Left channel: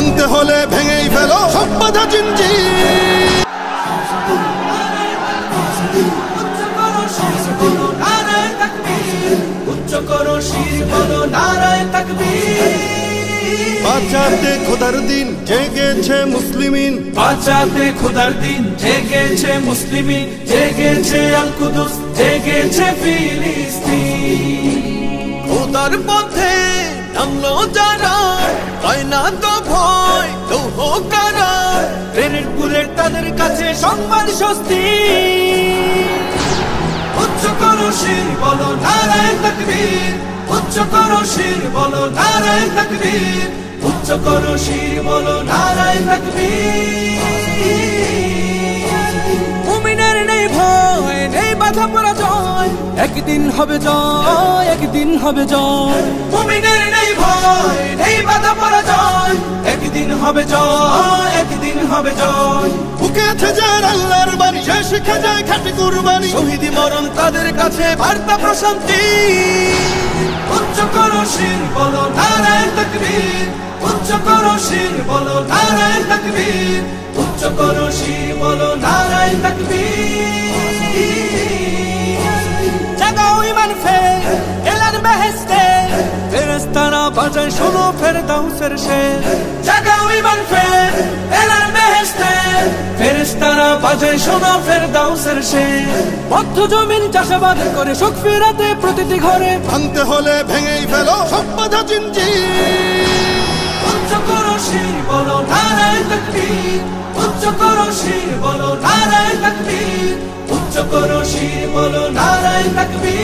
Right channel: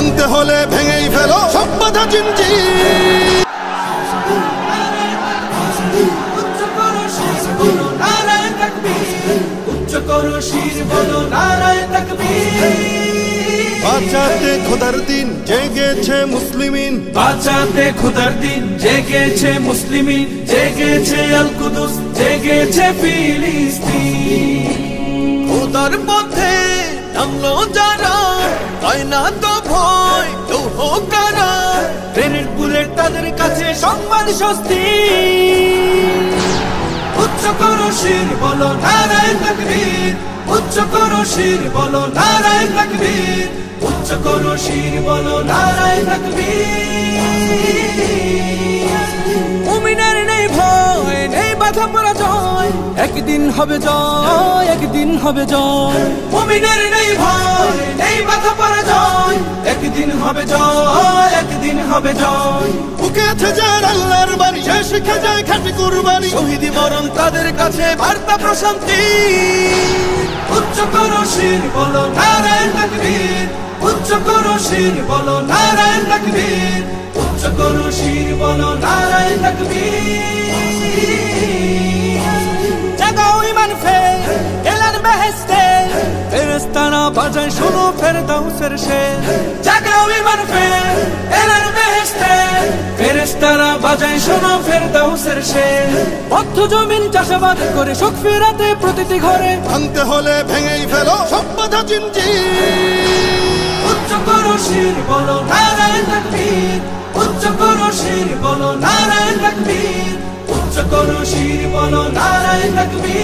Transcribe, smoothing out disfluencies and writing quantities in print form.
ভাঙতে হলে ভেঙেই ফেলো সব বাধা জিঞ্জির। বাঁচাতে খোদার দিন জেগেছে মুসলিমিন, বাঁচাতে খোদার দিন জেগেছে মুসলিমিন, জেগেছে আল কুদুস, জেগেছে ফিলিস্তিন। খোদার পথে নামলো যারা, হয় না তো ভয় লৌহ কারা, ট্রেনের বুলেট তাদের কাছে সংবাদ স্বস্তি। উচ্চ করো শির বলো নারায়ে তাকবীর, উচ্চ করো শির বলো নারায়ে তাকবীর, উচ্চ করো শির বলো নারায়ে তাকবীর। মুমিনের নেই ভয়, নেই বাধা পরাজয়, একদিন হবে জয়, একদিন হবে জয়। মুমিনের নেই ভয়, নেই বাধা পরাজয়, একদিন হবে জয়, একদিন হবে জয়। বুকে আছে যার আল্লাহর বাণী, সে শিখে যায় খাঁটি কুরবানি, শহীদি মরণ তাদের কাছে বার্তা প্রশান্তি। উচ্চ করো শির বলো নারায়ে তাকবীর, উচ্চ করো শির বলো নারায়ে তাকবীর, উচ্চ করো শির বলো নারায়ে তাকবীর। জাগাও ঈমান ফের এলান বেহেশতে, ফেরেশতারা বাজায় শোনো ফেরদাউসের শের। জাগাও ঈমান ফের এলান বেহেশতে, ফেরেশতারা বাজায় শোনো ফেরদাউসের শের। বদ্ধ জমিন চাষাবাদ করে সুখ ফেরাতে প্রতিটি ঘরে, ভাঙতে হলে ভেঙেই ফেলো সব বাধা জিঞ্জির। উচ্চ করো শির বলো নারায়ে তাকবীর, উচ্চ করো শির বলো নারায়ে তাকবীর, উচ্চ করো শির বলো নারায়ে তাকবীর।